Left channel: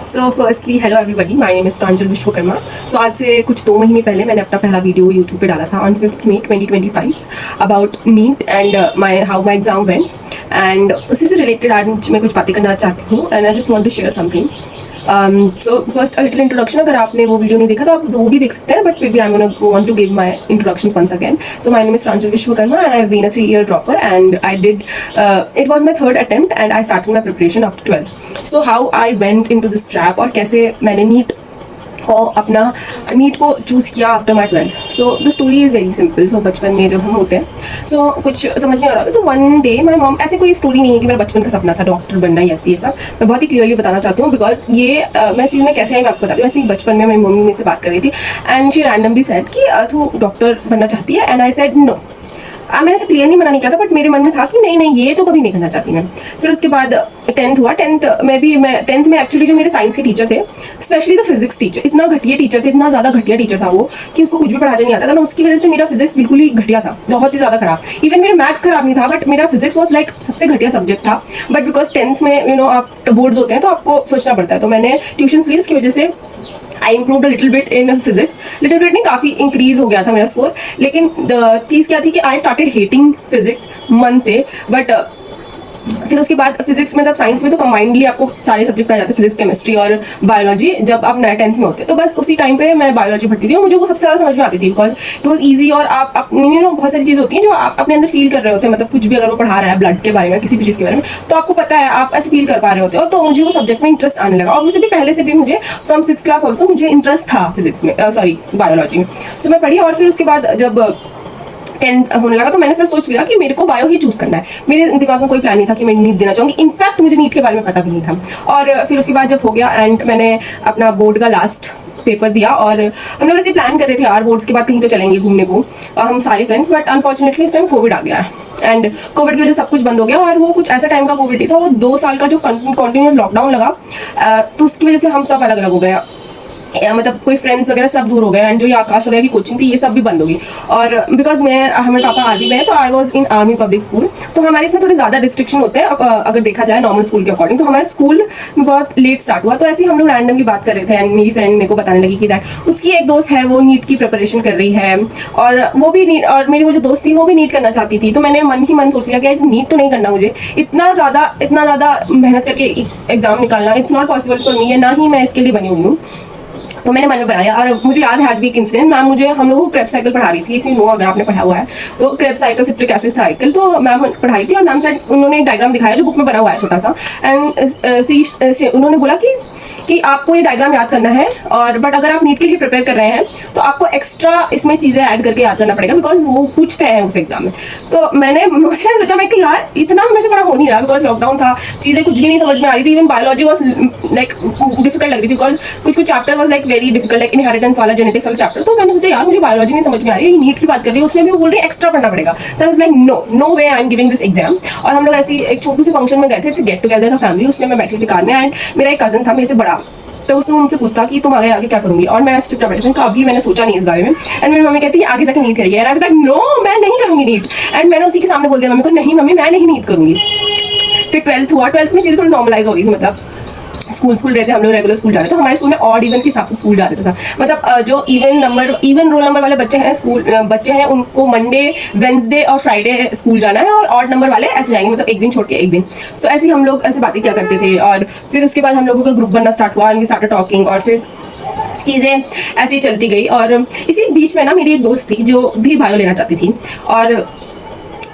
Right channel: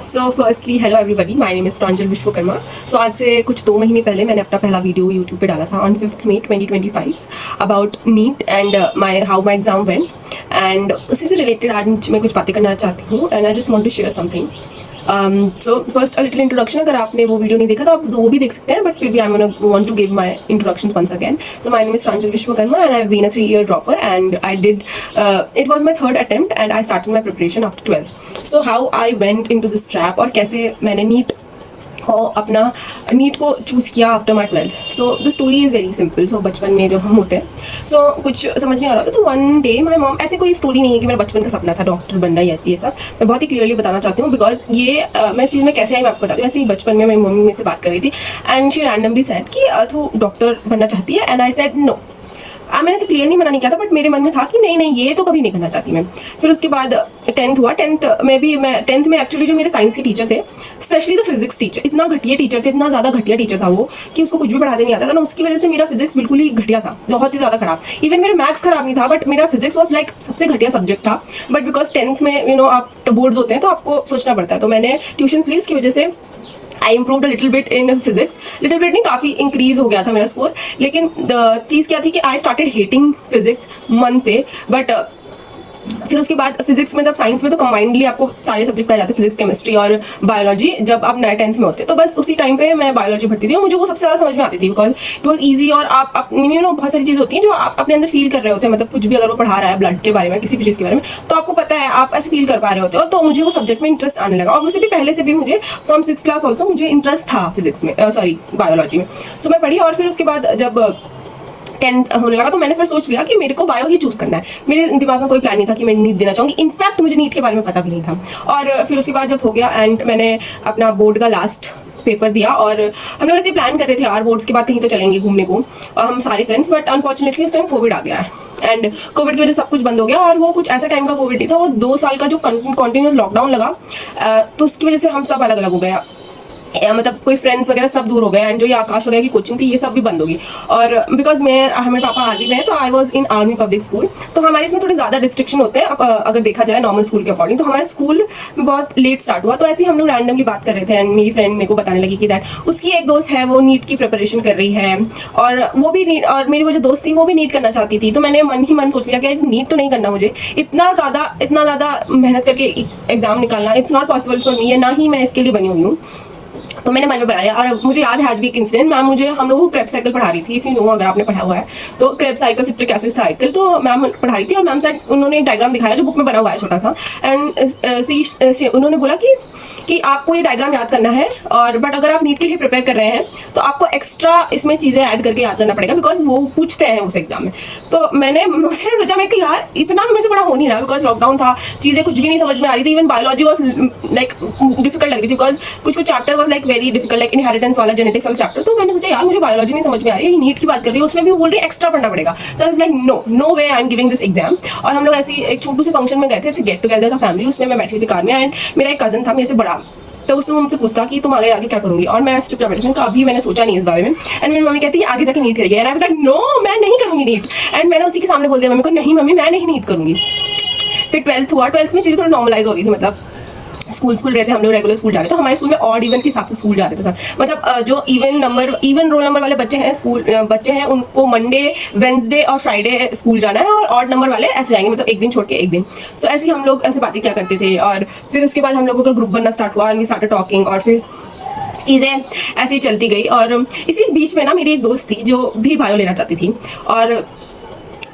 So firstly hello everybody, my name is Pranjal Vishwakarma. So आज से कुछ 2 महीने पहले मैंने अपना पहला वीडियो यूट्यूब पे डाला था on 5 May 2025 about NEET and how my exam went. And उसी से रिलेटेड आज मैं कुछ बातें करना चाहती हूँ and I just want to share something. So first a little introduction. अगर आपने वो वीडियो नहीं देखा तो आप वो भी देख सकते हैं, बट फिर भी I want to give my introduction once again. So my name is Pranjal Vishwakarma and I have been a 3-year dropper and I did it was my third attempt and I started my preparation after 12th। So how I went into this trap और कैसे मैंने NEET को choose किया after my 12th। So the story is very simple. So बचपन में जब हम होते हैं सो कुछ समझ नहीं आ रहा था, तो वन डे माई मॉम, ऐसे कोई स्टोरी नहीं है कि मेरा बचपन का सपना था डॉक्टर बनना या ये सब, मैं बहुत ही क्लियरली बताना चाहती हूँ बिकॉज ये मैं इस चीज़ में कैसे आई मैं आपको बता दूँ। ऐसे ही बचपन में मेरी मम्मी से बात कर रही थी एंड शी रैंडमली सेड कि तू डॉक्टर बनना चाहती है एंड आई सेड नो। मैंने ऐसे क्लियर नहीं मना नहीं किया था, बट मेरे मन में था कि नहीं नहीं ये तो कभी नहीं करना चाहती मैं। फिर उसके बाद 10th हुआ। 10th में एक्चुअली जो मेरे साइंस के टीचर थे, स्पेशली द फिजिक्स टीचर, इतना घटिया टीचर थे, इतना ज़्यादा घटिया टीचर था वो कि उसको कुछ भी पढ़ाने नहीं आता था ना। उसकी वजह से मेरा फिजिक्स बिल्कुल ही घटिया था, बहुत ही ज़्यादा खराब। इवन मेरा मैथ्स खराब नहीं था, बट मेरा फिजिक्स वॉज लाइक सबसे घटिया सब्जेक्ट था। बट बिकॉज 10th में आप बोर्ड्स होते हैं तो आपको सोचना पड़ता है, तो मैंने ट्यूशन ली। उसकी वजह से I improved a little bit in physics. Little bit नहीं, काफ़ी इंक्रीज हो गया था मेरा स्कोर। लेकिन द चीज़ क्या थी कि आई स्टार्टेड हेटिंग फिजिक्स मन से। बट फिर उसके बाद फिजिक्स में, तब साइंस में तो कंबाइंडली आपको सारे सब्जेक्ट पढ़ाए जाते हैं, फिजिक्स, केमिस्ट्री और बायोलॉजी, जब आप 10th में होते। तो बस उसी टाइम पे मैं बायोलॉजी पढ़ती थी और मुझे वो सबसे ज़्यादा समझ में आती थी बिकॉज इट वॉज ईजी। और आप बहुत सारी चीज़ होती हैं जो आप अपने अंदर फील कर रहे होते हैं, मतलब कुछ भी अगर वो पढ़ा रहा है ब्लड के बारे में, किसी भी चीज़ के बारे में, तो आपको पता है, आप ऐसे फील कर पा रहे होते हो। तो मुझे वो सब्जेक्ट में इंटरेस्ट आने लगा और उससे भी पहले से भी मुझे फ्रॉम 6th क्लास ऑल्सो मुझे इंटरेस्ट था फिजिक्स में, सॉरी बायोलॉजी में। सो मैं पढ़ी और फिर उसके बाद जब 10th होने लगा तो मैंने फिर सोच लिया कि मेरे को बायो ही चूज करना है। मेरे दिमाग में कोई प्लान नहीं था कि मैं नीट देना चाहूँगी। इनफैक्ट मुझे नीट के बारे में पता भी नहीं था। और फिर उसके बाद जब हो गया एंड मैंने अपना बोर्ड का लास्ट पेपर दिया और हम लोग ऐसे प्लान कर रहे थे यार बोर्ड्स के बाद कहीं तो चलेंगे घूमने को, हम सारे फ्रेंड्स। बट अनफॉर्चुनेटली उस टाइम कोविड आ गया एंड कोविड की वजह से सब कुछ बंद हो गया। और वो कुछ ऐसा टाइम का कोविड नहीं था, वो 2 साल का जो कंटिन्यूस लॉकडाउन लगा, तो उसकी वजह से हम सब अलग अलग हो गए। मतलब कोई फ्रेंड्स वगैरह सब दूर हो गए एंड जो ये आकाश वगैरह की कोचिंग थी ये सब भी बंद होगी। और बिकॉज हमारे पापा आर्मी में है तो I was in army public school, तो हमारे इसमें थोड़े ज़्यादा रिस्ट्रिक्शन होते हैं अगर देखा जाए नॉर्मल स्कूल के अकॉर्डिंग। तो हमारे स्कूल में बहुत लेट स्टार्ट हुआ। तो ऐसे ही हम लोग रैंडमली बात कर रहे थे एंड मेरी फ्रेंड मेरे को बताने लगी कि दैट उसकी एक दोस्त है वो नीट की प्रिपरेशन कर रही है और वो भी नीट, और मेरी वो जो दोस्त थी वो भी नीट करना चाहती थी। तो मैंने मन ही मन सोच लिया कि नीट तो नहीं करना, मुझे इतना ज़्यादा मेहनत करके एग्जाम निकालना it's not possible for me, ना ही मैं इसके लिए बनी हुई हूँ। तो मैंने मन में बनाया। और मुझे याद है आज भी एक इंसिडेंट, मैम हम लोगों को क्रेप साइकिल पढ़ा रही थी। इफ यू नो, अगर आपने पढ़ा हुआ है तो Krebs cycle, citric acid cycle, तो मैम पढ़ा रही थी और मैम साइड उन्होंने एक डायग्राम दिखाया जो बुक में बना हुआ है छोटा सा। एंड उन्होंने बोला कि आपको ये डायग्राम याद करना है, और बट अगर आप नीट के लिए प्रिपेयर कर रहे हैं तो आपको एक्स्ट्रा इसमें चीज़ें ऐड करके याद करना पड़ेगा बिकॉज वो पूछते हैं उस एग्जाम में। तो मैंने सोचा मैं कि यार इतना तो मेरे से बड़ा हो नहीं रहा बिकॉज लॉकडाउन था, चीज़ें कुछ भी नहीं समझ में आ रही थी। Even biology was like difficult लग रही थी बिकॉज कुछ chapter was like very difficult, like inheritance वाला, जेनेटिक्स वाला चैप्टर। तो मैंने सोचा यार मुझे बायोलॉजी नहीं समझ में आ रही है, नीट की बात कर रही है, उसमें भी वो बोल रही है एक्स्ट्रा पढ़ना पड़ेगा। So I was like no way I am giving this exam. और हम लोग ऐसी एक छोटू से फंक्शन में गए थे, ऐसे गेट टुगेदर था फैमिली, उसमें मैं बैठी थी कार में एंड मेरा एक कजन था मेरे से बड़ा, तो उसने मुझसे पूछा कि तुम आगे क्या करूंगी, और मैं चुपचाप बैठी थी, कभी मैंने सोचा नहीं इस बारे में। एंड मेरी मम्मी कहती है आगे जाके नीट करिए, and I was like no मैं नहीं करूंगी नीट। एंड मैंने उसी के सामने बोल दिया मम्मी को, नहीं मम्मी मैं नहीं नीट करूंगी। फिर 12th हुआ, 12th में चीज़ें थोड़ी नॉर्मलाइज हो रही थी, मतलब स्कूल रहते हम लोग रेगुलर स्कूल जा रहे थे। तो हमारे स्कूल में ऑड इवन के हिसाब से स्कूल जा रहे था, मतलब जो इवन रोल नंबर वाले बच्चे हैं उनको मंडे, वेंसडे और फ्राइडे स्कूल जाना है, और ऑड नंबर वाले ऐसे जाएंगे, मतलब एक दिन छोड़ के एक दिन। सो ऐसे ही हम लोग ऐसे बातें क्या करते थे। और फिर उसके बाद हम लोगों का ग्रुप बनना स्टार्ट हुआ, स्टार्टेड टॉकिंग, और फिर चीज़ें ऐसे ही चलती गई। और इसी बीच में ना मेरी एक दोस्त थी जो भी बायो लेना चाहती थी, और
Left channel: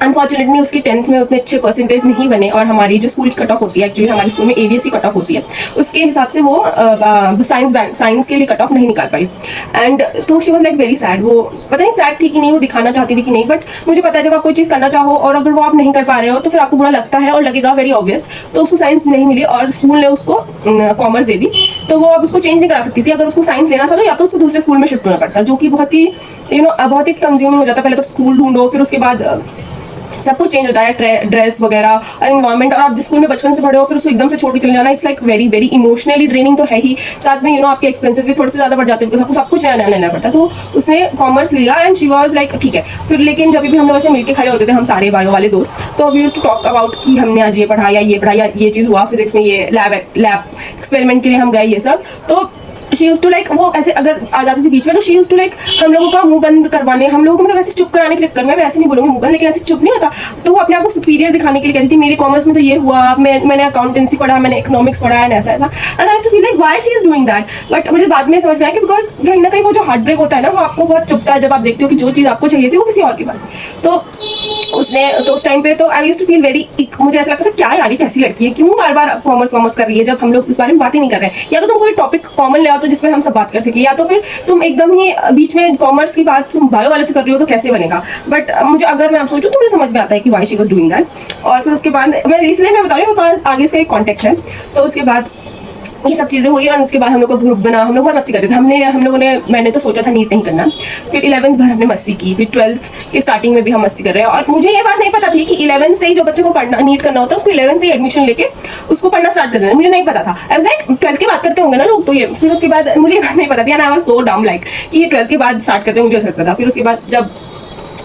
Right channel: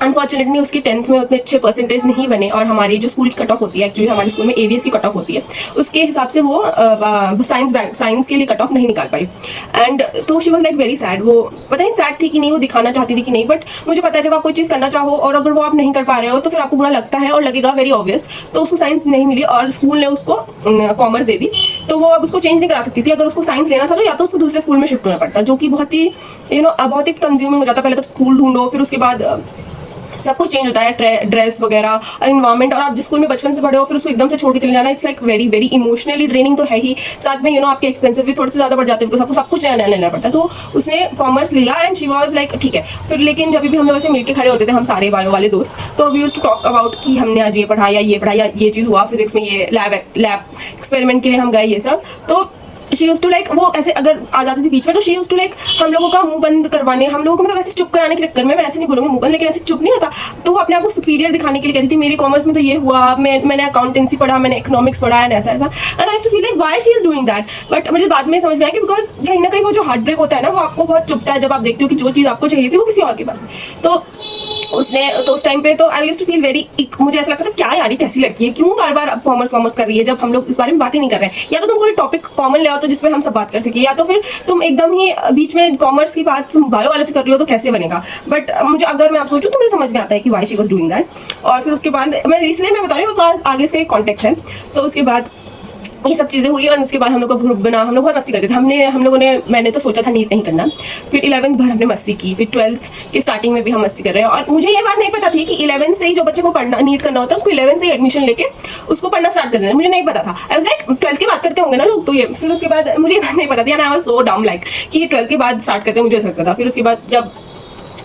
अनफॉर्चुनेटली उसकी 10th में उतने अच्छे परसेंटेज नहीं बने। और हमारी जो स्कूल की कट ऑफ होती है, एक्चुअली हमारे स्कूल में ABSC कट ऑफ होती है, उसके हिसाब से वो साइंस के लिए कट ऑफ नहीं निकाल पाई। एंड तो she was like very sad. वो पता नहीं सैड थी कि नहीं, वो दिखाना चाहती थी कि नहीं, बट मुझे पता है जब आप कोई चीज़ करना चाहो और अगर वो आप नहीं कर पा रहे हो तो फिर आपको बुरा लगता है और लगेगा, वेरी ऑब्वियस। तो उसको साइंस नहीं मिली और स्कूल ने उसको कॉमर्स दे दी, तो वो अब उसको चेंज नहीं करा सकती थी। अगर उसको साइंस लेना था तो या तो उसको दूसरे स्कूल में शिफ्ट होना पड़ता, जो कि बहुत ही बहुत ही कंज्यूमिंग हो जाता। पहले तो स्कूल ढूंढो, फिर उसके बाद सब कुछ चेंज होता है, ड्रेस वगैरह और इन्वायरमेंट, और आप जिस स्कूल में बचपन से पढ़े हो फिर उसको एकदम से छोड़ के चले जाना, it's like very very emotionally draining तो है ही, साथ में आपके एक्सपेंसिव भी थोड़े से ज़्यादा बढ़ जाते हैं बिकॉज आपको सब कुछ नया नया लेना पड़ता है। तो उसने कॉमर्स लिया एंड शी वॉज लाइक ठीक है। फिर लेकिन जब भी हम लोग ऐसे मिलकर खड़े होते थे हम सारे बायो वाले दोस्त, तो we used to talk about कि हमने आज ये पढ़ाया, ये चीज़ हुआ फिजिक्स में, ये लैब एक्सपेरिमेंट के लिए हम गए, ये सब। तो शी यूज टू लाइक, वो ऐसे अगर आ जाती थी बीच में तो शी यूज टू लाइक हम लोगों का मुंह बंद करवाने, हम लोगों को मतलब ऐसे चुप कराने के चक्कर में, मैं ऐसे नहीं बोलूँगी मुंह बंद, लेकिन ऐसे चुप नहीं होता, तो वो अपने आप को सुपीरियर दिखाने के लिए कहती थी मेरी कॉमर्स में तो ये हुआ, मैंने अकाउंटेंसी पढ़ा, मैंने इकोनॉमिक्स पढ़ा एंड ऐसा ऐसा। And I too feel like why she is doing that, but मुझे बाद में समझ में आया कि बिकॉज कहीं ना कहीं वो जो हार्ट ब्रेक होता है ना, वो आपको बहुत चुभता है जब आप देखते हो कि जो चीज़ आपको चाहिए थी वो किसी और के पास। तो उसने तो उस टाइम पे तो I used to feel very, मुझे ऐसा लगता था क्या यार ये कैसी लड़की है, क्यों बार बार कॉमर्स कर रही है जब हम लोग इस बारे में बात ही नहीं कर रहे हैं। या तो तुम कोई टॉपिक कॉमन ले आओ तो जिसमें हम सब बात कर सके, या तो फिर तुम एकदम ही बीच में कॉमर्स की बात तुम बायो वाले से कर रही हो तो कैसे बनेगा। बट मुझे अगर मैं आप सोचूं तो मुझे समझ में आता है कि why she was doing that. और फिर उसके बाद मैं इसलिए मैं बता रही हूँ बिकॉज आगे से एक कॉन्टेक्ट है। तो उसके बाद ये सब चीज़ें हुई और उसके बाद हम लोग का ग्रुप बना, हम लोग बहुत मस्ती करते थे। हम लोगों ने, मैंने तो सोचा था नीट नहीं करना, फिर 11th भर हमने मस्ती की, फिर 12th के स्टार्टिंग में भी हम मस्ती कर रहे हैं। और मुझे ये बात नहीं पता थी कि 11th से ही जो बच्चे को पढ़ना नीट करना होता है उसको 11th से ही एडमिशन लेके उसको पढ़ना स्टार्ट कर देना, मुझे नहीं पता था। आई वाज लाइक 12th की बात करते होंगे ना लोग, तो ये फिर उसके बाद मुझे नहीं पता था, आई वाज सो डम लाइक कि ये 12th के बाद स्टार्ट करते हैं, मुझे ऐसा लगता था। फिर उसके बाद जब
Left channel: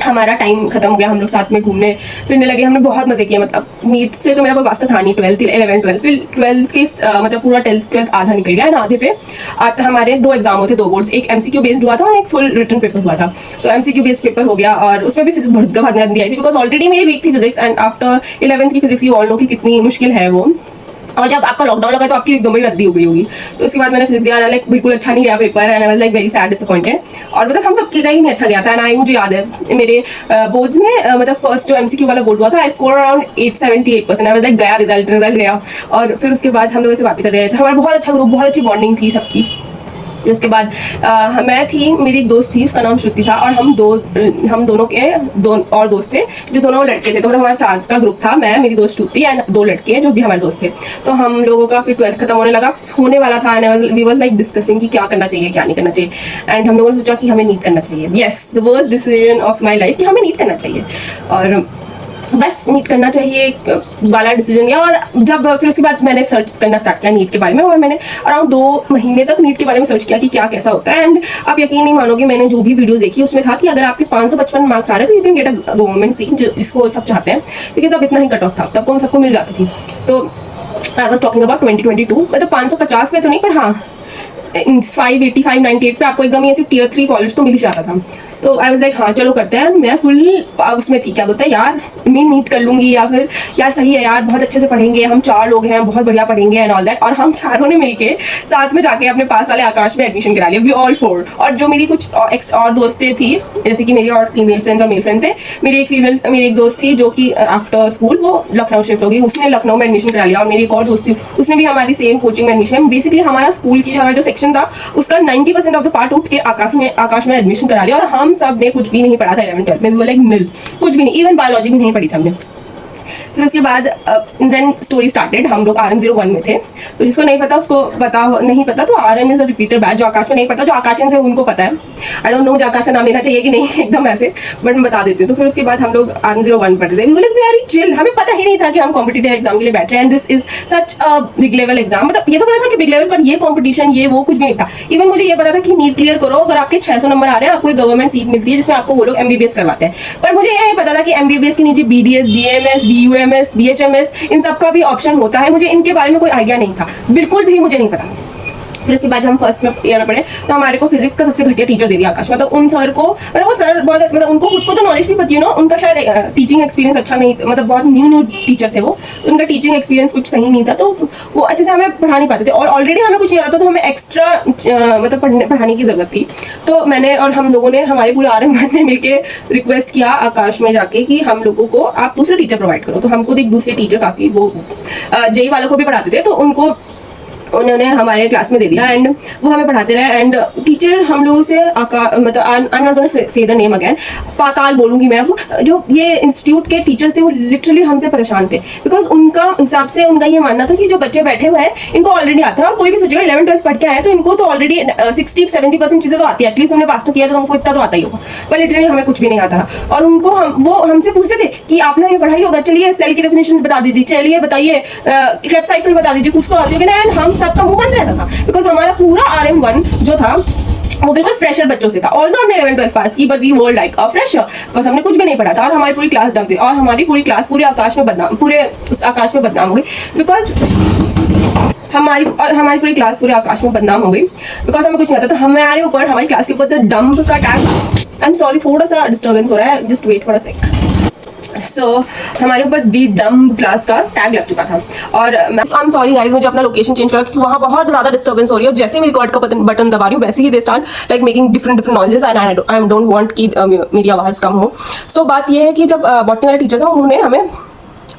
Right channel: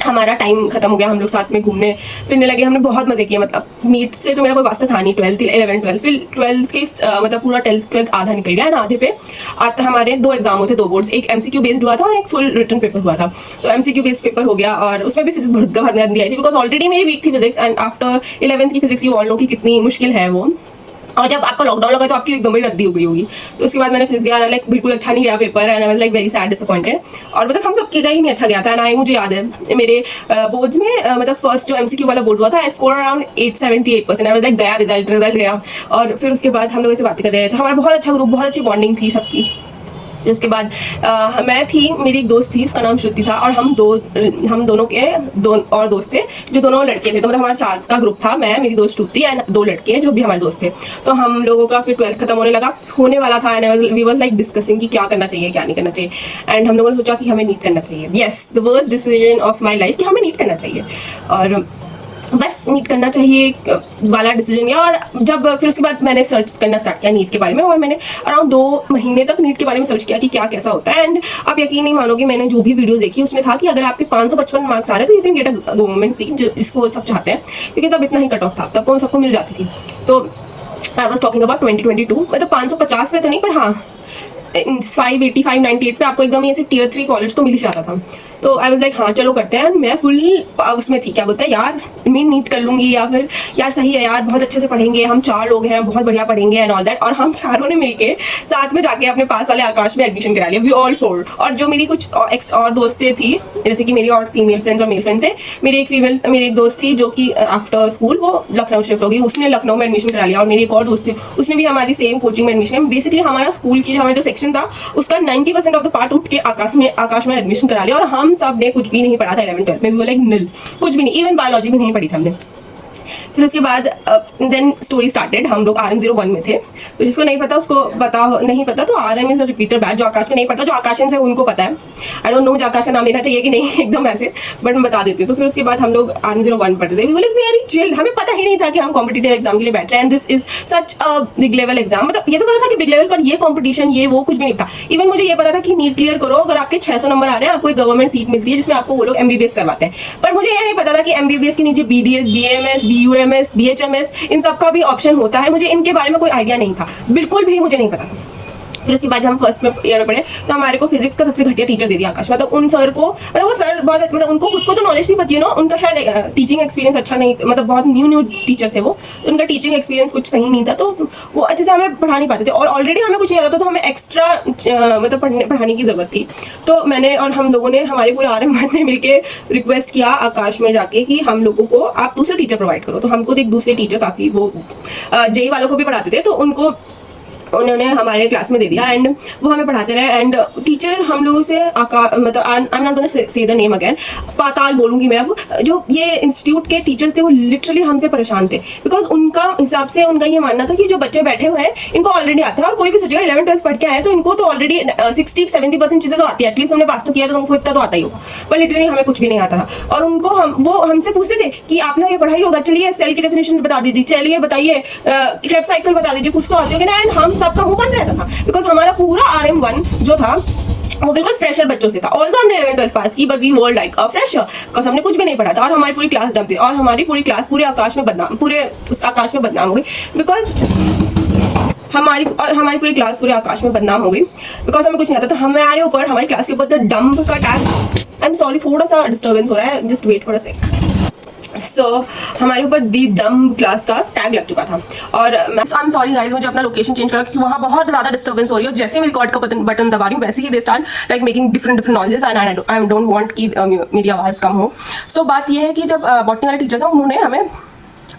हमारा टाइम खत्म हो गया, हम लोग साथ में घूमने फिरने लगे, हमने बहुत मजे किया। मतलब नीट से तो मेरा कोई वास्ता था नहीं, 12th 11 12 फिर 12th के मतलब पूरा 12th आधा निकल गया ना, आधे पे हमारे 2 एग्जाम होते, 2 बोर्ड्स, एक MCQ बेस्ड हुआ था और एक फुल रिटन पेपर हुआ था। तो MCQ बेस्ड पेपर हो गया और उसमें भी फिजिक्स बहुत गंदी आई थी बिकॉज ऑलरेडी मेरी वीक थी फिजिक्स, एंड आफ्टर 11th की फिजिक्स यू ऑल नो कि कितनी मुश्किल है वो, और जब आपका लॉकडाउन लगा तो आपकी एकदम ही रद्दी हो गई होगी। तो उसके बाद मैंने फिजिक्स दिया, लाइक बिल्कुल अच्छा नहीं गया paper, and I was like very sad disappointed. और मतलब हम सब का ही नहीं अच्छा गया था। एंड आई, मुझे याद है मेरे बोर्ड्स में मतलब फर्स्ट जो MCQ वाला बोर्ड हुआ था, I score around 878%। I was like गया रिजल्ट गया। और फिर उसके बाद हम लोग ऐसे बातें कर रहे थे, हमारा बहुत अच्छा ग्रुप, बहुत अच्छी बॉन्डिंग थी सबकी। उसके बाद मैं थी, मेरी एक दोस्त थी, उसका नाम श्रुति था, और हम दोनों के 2 और दोस्त थे जो दोनों लड़के थे। तो मतलब हमारा 4 का ग्रुप था, मैं, मेरी दोस्त श्रुति एंड 2 लड़के जो भी हमारे दोस्त थे। तो हम लोगों का फिर 12th खत्म होने वाला था, and we was like discussing कि क्या करना चाहिए क्या नहीं करना चाहिए। एंड हम लोगों ने सोचा कि हमें नीट करना चाहिए। Yes, the worst decision of my life कि हमें नीट करना चाहिए, और बस नीट करना चाहिए वाला डिसीजन लिया। और जब फिर उसके बाद मैंने सर्च करना स्टार्ट किया नीट के बारे में, और मैंने अराउंड 2 महीने तक नीट के बारे में सर्च किया कि क्या कैसा होता है। एंड आप यकीन नहीं मानोगे, मैंने जो भी वीडियो देखी उसमें था कि अगर आपके 555 मार्क्स आ रहे हैं तो you can get a government seat, जिसको सब चाहते हैं, क्योंकि तब इतना ही कट ऑफ था, तब को सबको मिल जाती थी। तो आई वॉज टॉकिंग अबाउट 2022, मतलब 550 में तो नहीं, पर हाँ 585 98 पे आपको एकदम ऐसे Tier 3 कॉलेज तो मिल ही जाता था। तो आई वाज लाइक हाँ चलो करते हैं। मैं फुल उसमें थी, क्या बोलते हैं यार, मैं नीट कर लूंगी, या फिर यार सही है यार, बहुत अच्छे से पढ़ेंगे, हम 4 लोग हैं, बहुत बढ़िया पढ़ेंगे एंड ऑल दैट। और हम चारों ने मिलके साथ में जाके अपने पास वाले आकाश में एडमिशन करा लिया, वी ऑल 4। और जो मेरी कुछ और दोस्तें थी, जैसे कि मेरी और फीमेल फ्रेंड्स और मेल फ्रेंड्स थे, मेरी एक दोस्त थी जो कि आफ्टर स्कूल वो लखनऊ शिफ्ट हो गई, उसने लखनऊ में एडमिशन करा लिया। और मेरी एक और दोस्त थी, उसने भी हमारी सेम कोचिंग में एडमिशन। बेसिकली हमारा स्कूल की हमारा जो सेक्शन था उसका 90% ऑफ द पार्ट उठ के आकाश में एडमिशन करा लिया। और हम सब ने कुछ भी नहीं पढ़ा था 11 12 में, भी लाइक निल, कुछ भी नहीं, इवन बायोलॉजी भी नहीं पढ़ी थी हमने। फिर उसके बाद देन स्टोरी स्टार्टेड, हम लोग RM01 में थे। तो जिसको नहीं पता उसको नहीं पता, तो RM is a repeater batch. जो आकाश में नहीं पता, जो आकाशन से उनको पता है। आई डोंट नो मुझे आकाश का नाम लेना चाहिए कि नहीं एकदम ऐसे, बट मैं बता देती हूँ। तो फिर उसके बाद हम लोग RM01 पढ़ते थे, we were like very chill, हमें पता ही नहीं था कि हम कॉम्पिटिटिव एग्जाम के लिए बैठ रहे हैं, and this is such a big level exam. मतलब ये तो पता था कि बिग लेवल, पर ये कॉम्पिटिशन ये वो कुछ भी नहीं था। इवन मुझे ये पता था कि नीट क्लियर करो, अगर आपके 600 नंबर आ रहे हैं आपको एक गवर्नमेंट सीट मिलती है जिसमें आपको वो लोग MBBS करवाते हैं। पर मुझे ये नहीं पता था कि MBBS के नीचे BDS, BAMS, BUMS, BHMS इन सब का भी ऑप्शन होता है। मुझे इनके बारे में कोई आइडिया नहीं था, बिल्कुल भी मुझे नहीं पता। फिर उसके बाद हम फर्स्ट ईयर में पढ़े, तो हमारे को फिजिक्स का सबसे घटिया टीचर दे दिया आकाश। मतलब उन सर को, मतलब वो सर बहुत, मतलब उनको खुद को तो नॉलेज नहीं पती, यू नो, उनका शायद टीचिंग एक्सपीरियंस अच्छा नहीं, मतलब बहुत न्यू टीचर थे वो, तो उनका टीचिंग एक्सपीरियंस कुछ सही नहीं था, तो वो अच्छे से हमें पढ़ा नहीं पाते थे। और ऑलरेडी हमें कुछ नहीं आता था, तो हमें एक्स्ट्रा मतलब पढ़ाने की जरूरत थी। तो मैंने और हम लोगों ने, हमारे पूरे RM1 ने मिलकर रिक्वेस्ट किया आकाश में जाके कि हम लोगों को आप दूसरे टीचर प्रोवाइड करो। तो हमको एक दूसरे टीचर काफ़ी वो JEE वालों को भी पढ़ाते थे, तो उनको उन्होंने हमारे क्लास में दे दिया एंड वो हमें पढ़ाते रहे एंड टीचर हम लोगों से मतलब I am not gonna say the name again, पाताल बोलूंगी मैं अब, जो ये इंस्टीट्यूट के टीचर्स थे वो लिटरली हमसे परेशान थे बिकॉज उनका हिसाब से उनका ये मानना था कि जो बच्चे बैठे हुए हैं इनको ऑलरेडी आता है और कोई भी सोचेगा 11th-12th पढ़ के आया तो इनको तो ऑलरेडी 60-70% चीजें तो आती है, एटलीस्ट हमने पास तो किया तो हमको इतना तो आता ही होगा, पर लिटरली हमें कुछ भी नहीं आता था। और उनको वो हमसे पूछते थे कि आपने ये पढ़ाई होगा, चलिए सेल की डेफिनेशन बता दीजिए, चलिए बताइए क्रेब साइकिल बता दीजिए, कुछ तो आती होगी ना। एंड हम सबका मुंह बंद रहता था बिकॉज हमारा पूरा RM1 जो था वो बिल्कुल फ्रेशर बच्चों से था। ऑल्दो हमने 11th-12th पास की but we were like a fresher because हमने कुछ भी नहीं पढ़ा था और हमारी पूरी क्लास डम थी और हमारी पूरी क्लास पूरे आकाश में बदनाम हो गई बिकॉज हमारी पूरी क्लास पूरे आकाश में बदनाम हो गई बिकॉज हमें कुछ नहीं आता था। हमारे ऊपर हमारी क्लास के ऊपर डंप का टैग, आई एम सॉरी थोड़ा सा डिस्टर्बेंस हो रहा है, जस्ट वेट फॉर अ सेक। सो हमारे ऊपर दी डम क्लास का टैग लग चुका था और आई एम सॉरी गाइस, मुझे अपना लोकेशन चेंज करा क्योंकि वहाँ बहुत ज्यादा डिस्टर्बेंस हो रही है। जैसे ही मैं रिकॉर्ड का बटन दबा रही हूँ वैसे ही they start like making different noises and I don't want कि मेरी आवाज कम हो। सो बात ये है कि जब बॉटनी वाले टीचर थे उन्होंने हमें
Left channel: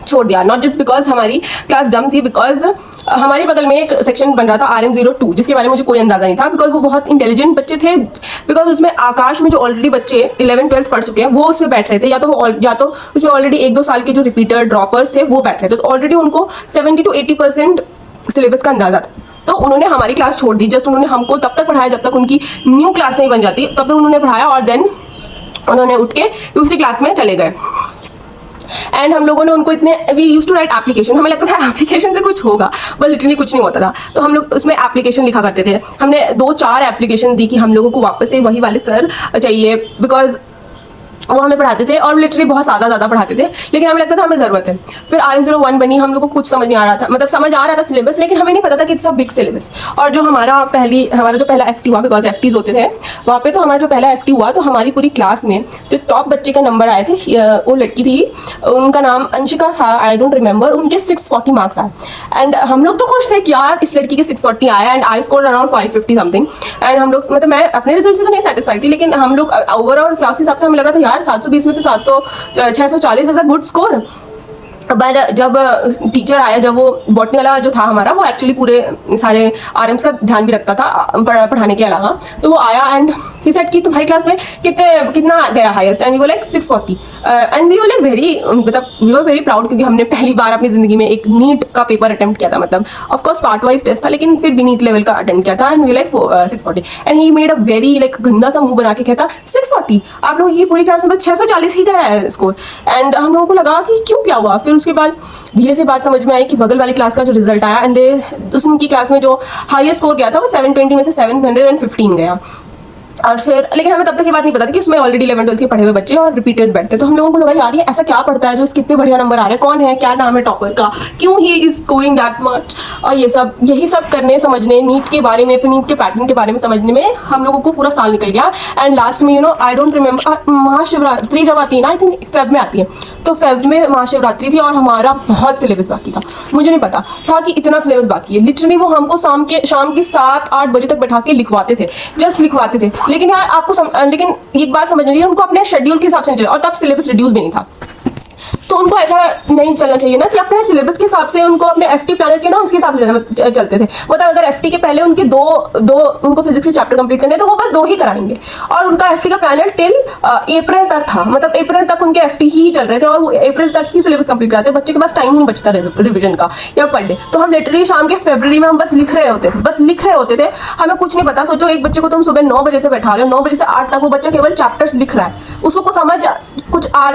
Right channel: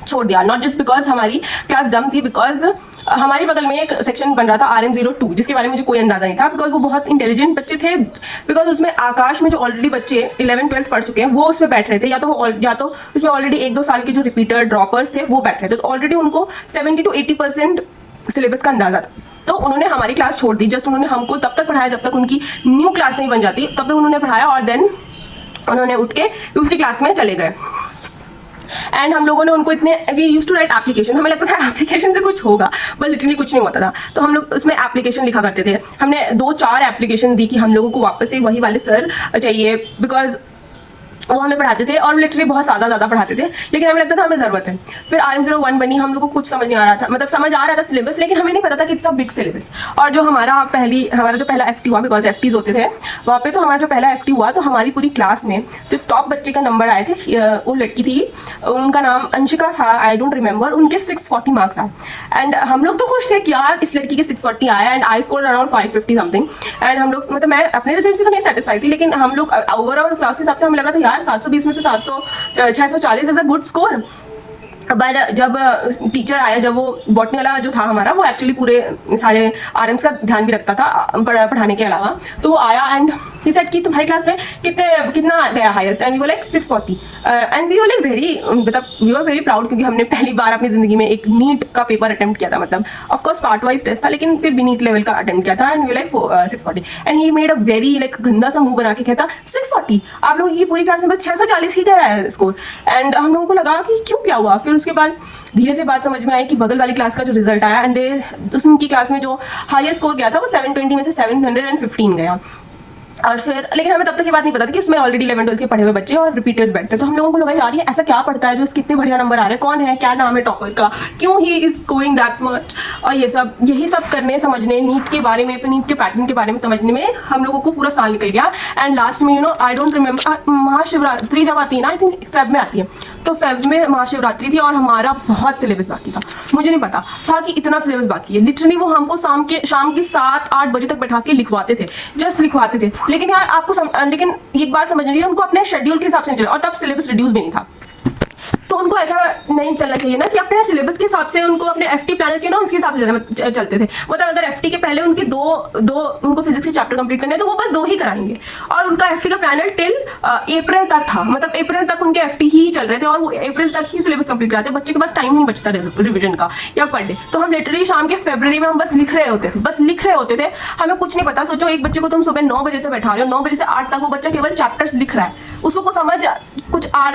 छोड़ दिया, नॉट जस्ट बिकॉज हमारी क्लास डम थी, बिकॉज हमारे बगल में एक सेक्शन बन रहा था RM02 जिसके बारे में मुझे कोई अंदाजा नहीं था बिकॉज वो बहुत इंटेलिजेंट बच्चे थे। बिकॉज उसमें आकाश में जो ऑलरेडी बच्चे 11th-12th पढ़ चुके हैं वो उसमें बैठ रहे थे, या तो उसमें ऑलरेडी 1-2 साल के जो रिपीटर ड्रॉपर्स थे वो बैठ रहे थे, तो ऑलरेडी उनको 70 to 80% सिलेबस का अंदाजा था। तो उन्होंने हमारी क्लास छोड़ दी, जस्ट उन्होंने हमको तब तक पढ़ाया जब तक उनकी न्यू क्लास नहीं बन जाती, तब तक उन्होंने पढ़ाया और देन उन्होंने उठ के दूसरी क्लास में चले गए। एंड हम लोगों ने उनको इतने we use to write application, हमें लगता था एप्लीकेशन से कुछ होगा बट लिटरली कुछ नहीं होता था। तो हम लोग उसमें एप्लीकेशन लिखा करते थे, हमने 2-4 एप्लीकेशन दी कि हम लोगों को वापस से वही वाले सर चाहिए बिकॉज वो हमें पढ़ाते थे और लिटरली बहुत ज़्यादा पढ़ाते थे, लेकिन हमें लगता था हमें ज़रूरत है। फिर RM01 बनी, हम लोग को कुछ समझ नहीं आ रहा था, मतलब समझ आ रहा था सिलेबस लेकिन हमें नहीं पता था कि इट्स अ बिग सिलेबस। और जो हमारा जो पहला FT हुआ, बिकॉज FTs होते थे वहाँ पे, तो हमारा जो पहला FT हुआ तो हमारी पूरी क्लास में जो टॉप बच्चे का नंबर आए थे, वो लड़की थी, उनका नाम अंशिका था, आई डोंट रिमेंबर, उनके 640 मार्क्स आए। एंड हम लोग तो खुश थे कि यार इस लड़की के 640 आया and I score around 550 something. And हम लोग, मतलब मैं अपने रिजल्ट से तो नहीं सेटिस्फाइड थी, लेकिन हम लोग ओवरऑल क्लास के हिसाब से हमें लगा था यार 720 में से 640 as a good score. But जब टीचर आया, जब वो बॉटनी वाला जो था हमारा, वो एक्चुअली पूरे सारे RMs का ध्यान भी रखता था पढ़ाने के अलावा, तो वो आया एंड ही सेड कि तुम्हारी क्लास में कितना गया highest, and we were like 640 and we were like we were very proud क्योंकि हमने पहली बार अपनी जिंदगी में एक नीट का पेपर अटेम्प्ट किया था, मतलब of course part wise test था लेकिन फिर भी नीट लेवल का अटेम्प्ट किया था। And we like 640 and he made a very like गंदा सा मुंह बना के कहता 640, आप लोग ये पूरी क्लास में बस 640 ही गया है स्कोर। एंड हम लोगों को लगा कि क्यों, क्या हुआ। फिर उसके बाद धीरे से बात समझ में आई कि बगल वाली क्लास का जो रिजल्ट आया एंड उनकी क्लास में जो हाईएस्ट स्कोर गया था वो 720 में से 715 गया। और फिर लेकिन हमें तब तक ये बात नहीं पता थी कि उसमें ऑलरेडी 11th-12th के पढ़े हुए बच्चे और रिपीटर्स बैठते, तो हम लोगों को लगा यार ये ऐसा क्या पढ़ता है जो इसके इतने बढ़िया नंबर आ रहे हैं, कौन है, क्या नाम है टॉपर का, क्यों he is scoring that much. और यही सब करने समझने, नीट के बारे में, नीट के पैटर्न के बारे में समझने में हम लोगों को पूरा साल निकल गया। एंड लास्ट में आई डोंट रिमेंबर, महाशिवरात्रि जब आती है ना, आई थिंक फेब में आती है, तो फेब में महाशिवरात्रि थी और हमारा बहुत सिलेबस बाकी था। मुझे नहीं पता था कि इतना सिलेबस बाकी है। लिटरली वो हमको शाम के 7-8 बजे तक बैठा के लिखवाते थे, जस्ट लिखवाते थे। लेकिन यार लेकिन एक बात समझ लीजिए, उनको अपने शेड्यूल के हिसाब से नहीं चला, और तब सिलेबस रिड्यूस भी नहीं था। तो उनको ऐसा नहीं चलना चाहिए ना कि अपने सिलेबस के हिसाब से उनको अपने FT प्लानर के ना उसके हिसाब से चलते थे। मतलब अगर FT के पहले उनके दो उनको फिजिक्स के चैप्टर कंप्लीट करने तो वो बस 2 ही कराएंगे, और उनका FT का प्लानर टिल अप्रैल तक था, मतलब अप्रैल तक उनके FT ही चल रहे थे और वो अप्रैल तक ही सिलेबस कंप्लीट कराते। बच्चे के पास टाइम नहीं बचता रिविजन का या पर डे। तो हम लिटरली शाम के फरवरी में हम बस लिख रहे होते थे, हमें कुछ नहीं पता। सोचो एक बच्चे को तुम सुबह 9 बजे से बैठा रहे हो, 9 बजे से 8 तक वो बच्चा केवल चैप्टर्स लिख रहा है, उसको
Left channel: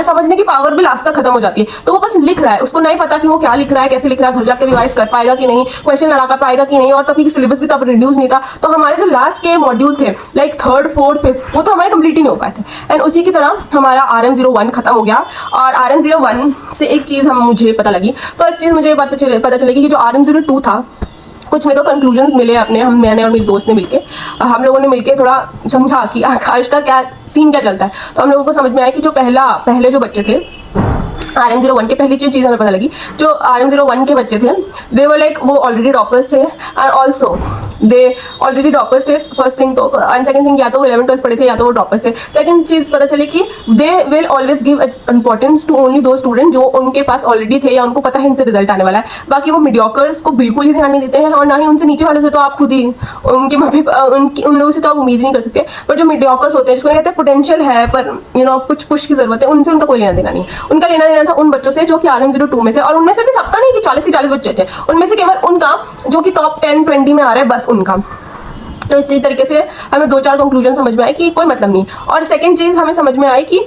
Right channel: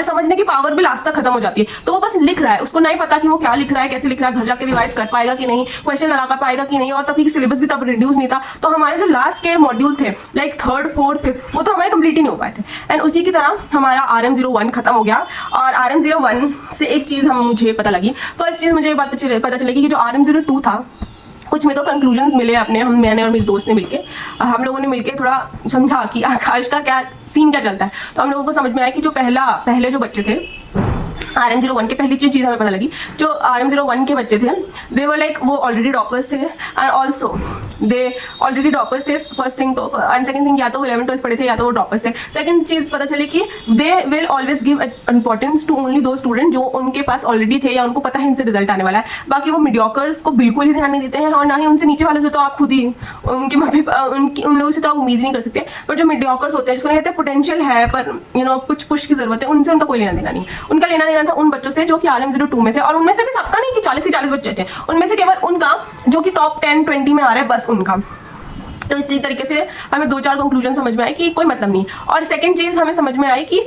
समझने की पावर भी लास्ट तक खत्म हो जाती है। तो वो बस लिख रहा है, उसको नहीं पता कि वो क्या लिख रहा है, कैसे लिख रहा है, घर जाकर रिवाइज कर पाएगा कि नहीं, क्वेश्चन लगा कर पाएगा कि नहीं। और तभी सिलेबस भी तब रिड्यूस नहीं था, तो हमारे जो लास्ट के मॉड्यूल थे लाइक 3rd, 4th, 5th वो तो हमारे कंप्लीट ही नहीं हो पाए थे। एंड उसी की तरह हमारा RM01 खत्म हो गया। और RM01 से एक चीज मुझे पता लगी, फर्स्ट चीज मुझे बात पता चलेगी कि जो RM02 था, कुछ मेरे को कंक्लूजन्स मिले मैंने और मेरे दोस्त ने मिलके, हम लोगों ने मिलके थोड़ा समझा कि आकाश का क्या सीन क्या चलता है। तो हम लोगों को समझ में आया कि जो पहले जो बच्चे थे RM01 के, पहली चीज़ हमें पता लगी, जो RM01 के बच्चे थे दे वर लाइक वो ऑलरेडी टॉपर्स थे। And also they already droppers थे फर्स्ट थिंग तो, एंड सेकंड थिंग या तो वो 11th-12th पढ़े थे या तो वो ड्रॉपर्स थे। सेकंड चीज़ पता चली कि they will always give importance to only दो स्टूडेंट जो उनके पास ऑलरेडी थे या उनको पता है इनसे रिजल्ट आने वाला है। बाकी वो मीडियोकर्स को बिल्कुल ही ध्यान नहीं देते हैं, और ना ही उनसे नीचे वाले से तो आप खुद ही उनके उन लोगों से तो आप उम्मीद नहीं कर सकते। पर जो मीडियोकर्स होते हैं जिसको कहते हैं पोटेंशियल है पर कुछ पुश की जरूरत है, उनसे उनका कोई लेना देना नहीं। उनका लेना देना था उन बच्चों से जो कि RM02 में थे, और उनमें से भी सबका नहीं कि 40 के 40 बच्चे थे, उनमें से केवल उनका जो कि टॉप 10-20 में आ रहा है, बस उनका। तो इसी तरीके से हमें 2-4 कंक्लूजन समझ में आए कि कोई मतलब नहीं। और सेकंड चीज हमें समझ में आई कि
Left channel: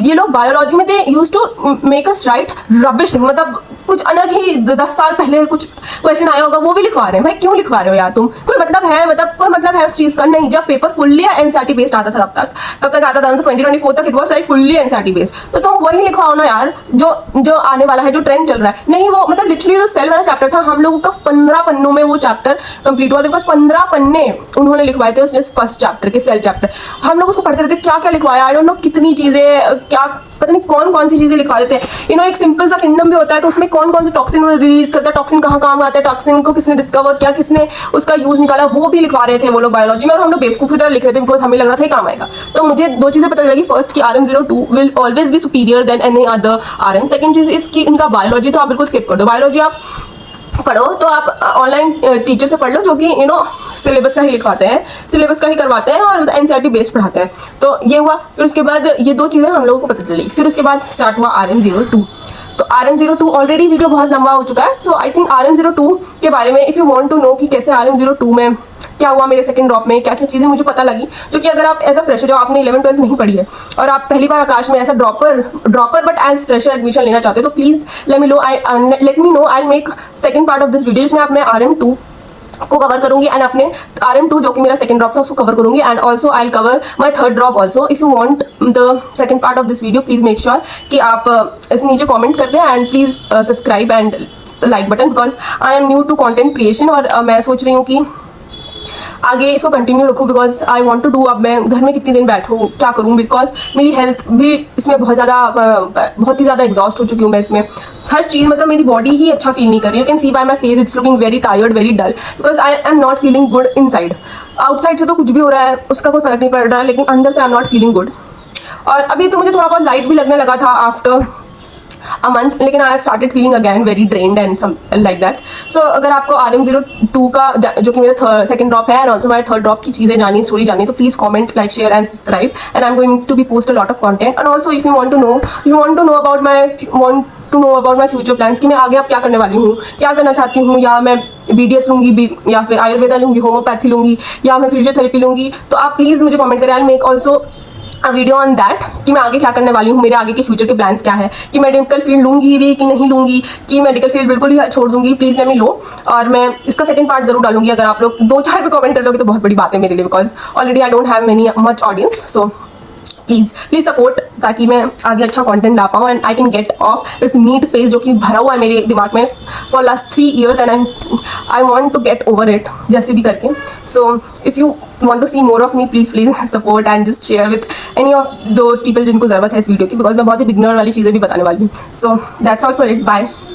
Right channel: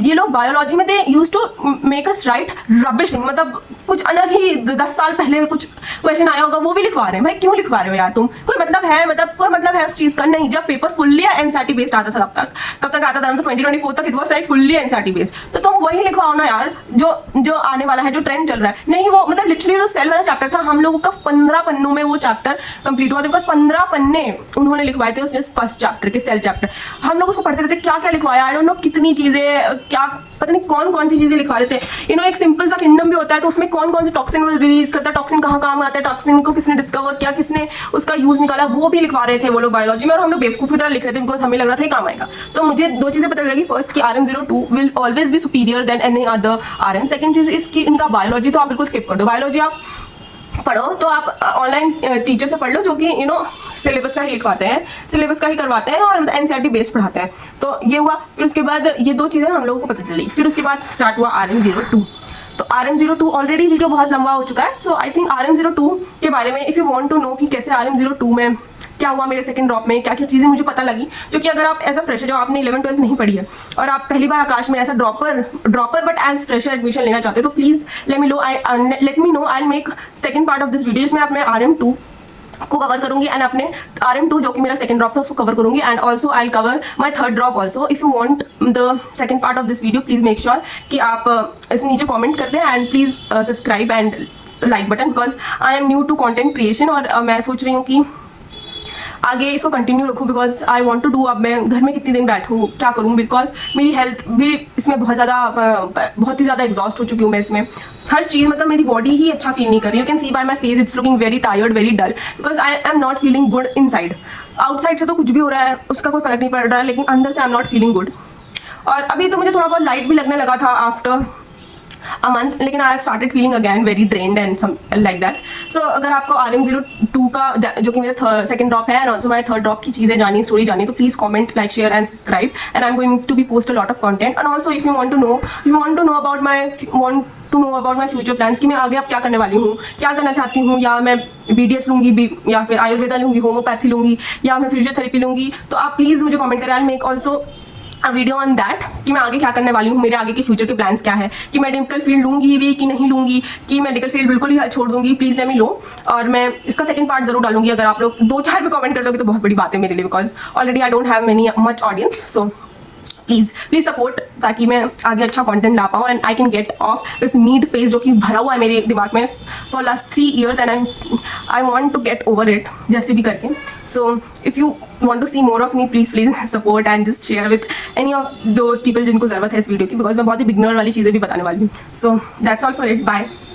ये लोग बायोलॉजी में they used to make us write rubbish, मतलब कुछ अलग ही 10 साल पहले कुछ क्वेश्चन आया होगा वो भी लिखवा रहे हैं। भाई क्यों लिखवा रहे हो यार तुम? कोई मतलब है? कोई मतलब है उस चीज का? नहीं। जब पेपर फुल्ली एनसीईआरटी बेस्ड आता था तब तक आता था, तो 2024 तक it was like fully NCERT based. तो तुम वही लिखवाओ ना यार जो आने वाला है, जो ट्रेंड चल रहा है। नहीं, वो मतलब लिटरली जो सेल वाला चैप्टर था हम लोगों का 15 पन्नों में वो चैप्टर कंप्लीट हुआ, बिकॉज 15 पन्ने उन्होंने लिखवाए थे उस जस्ट फर्स्ट चैप्टर के, सेल चैप्टर। हम लोग उसको पढ़ते रहते, क्या क्या लिखवाया, आई डोंट नो कितनी चीजें, क्या पता नहीं कौन कौन सी चीजें लिखवा देते हैं। एक सिंपल सा किंगडम भी होता है तो उसमें कौन कौन से टॉक्सिन रिलीज करता है, टॉक्सिन कहाँ काम आता है, टॉक्सिन को किसने डिस्कवर किया, किसने उसका यूज निकाला, वो भी लिखवा रहे थे वो लोग बायोलॉजी में, और हम लोग बेवकूफी तरह लिख रहे थे बिकॉज हमें लग रहा था काम आएगा। तो मुझे 2 चीजें पता लगी। फर्स्ट कि RM02 will always be superior than any other RM। Second चीज इसकी इनका बायोलॉजी तो आप बिल्कुल स्किप कर दो, बायोलॉजी आप पढ़ो तो आप ऑनलाइन टीचर से पढ़ लो जो कि सिलेबस का ही लिखवाते हैं, सिलेबस का ही करवाते हैं और एनसीईआरटी बेस्ड पढ़ाते हैं। तो ये हुआ। फिर उसके बाद ये 2 चीज़ें हम लोगों को पता चली। फिर उसके बाद स्टार्ट हुआ RM02। तो RM02 ऑलरेडी वीडियो बहुत लंबा हो चुका है, सो आई थिंक RM02 के बारे में if you want to know कि कैसे RM02 में क्या हुआ, मेरे सेकंड ड्रॉप में क्या क्या चीज़ें मुझे पता लगी, जो कि अगर आप एज अ फ्रेशर जो आपने 11th-12th नहीं पढ़ी है और आप पहली बार आकाश में as a dropper but as fresher admission लेना चाहते हो, तो please let me know I make second part of this video जिसमें मैं RM2 को कवर करूंगी एंड अपने RM2 जो कि मेरा सेकंड ड्रॉप था उसको कवर करूंगी, and also I will cover my third drop also. If you want the second part of this video please make sure कि आप इस नीचे कमेंट कर दें and please subscribe and like button, because I am new to content creation और मैं सोच रही हूँ कि आगे इसको कंटिन्यू रखूँ, because I want to do. अब मैं घर में कितने दिन बैठूँ, क्या करूँ, बिकॉज मेरी हेल्थ भी इसमें बहुत ही ज़्यादा एग्जॉस्ट हो चुकी हूँ मैं इसमें। हर चीज़ मतलब मेरी बॉडी ही अच्छा फील नहीं कर रही। You can see by my face it's looking very tired, very dull, because I am not feeling good inside. Outside से तो कुछ भी हो रहा है उसका कोई फर्क नहीं पड़ रहा है, लेकिन अंदर से आई एम नॉट फीलिंग गुड। और अभी तो मुझे थोड़ा बहुत लाइट भी लगने लगा था आफ्टर अ मंथ, लेकिन I started feeling again very drained and some like that. So अगर आपको RM02 का जो कि मेरा सेकंड ड्रॉप है and also my third drop की चीज़ें जानी, स्टोरी जानी, तो please comment, like, share and subscribe, and I am going to be post a lot of content. And also if you want to know about my future plans कि मैं आगे अब क्या करने वाली हूँ, क्या करना चाहती हूँ, या मैं BDS लूंगी या फिर आयुर्वेदा लूंगी, होम्योपैथी लूंगी, या मैं फिजियोथेरेपी लूंगी, तो आप प्लीज़ मुझे कमेंट करें। I make also a video on that कि मैं आगे क्या करने वाली हूँ, मेरे आगे के फ्यूचर के प्लान्स क्या है, कि मेडिकल फील्ड लूंगी भी कि नहीं लूंगी, कि मेडिकल फील्ड बिल्कुल ही छोड़ दूंगी। प्लीज लेट मी नो, और मैं इसका सेकंड पार्ट जरूर डालूंगी। अगर आप लोग 2-4 भी कमेंट कर दोगे तो बहुत बड़ी बात है मेरे लिए, because already I don't have much audience. So please support, ताकि मैं आगे अच्छा कंटेंट ला पाऊँ and I can get of this need face जो कि भरा हुआ है मेरे दिमाग में for last 3 years and I want to get over it जैसे भी करके। So if you want to see more of me, please support and just share with any of those people जिनको ज़रूरत है इस वीडियो की, बिकॉज मैं बहुत ही बिगनर वाली चीज़ें भी बताने वाली हूँ। So that's all for it. Bye.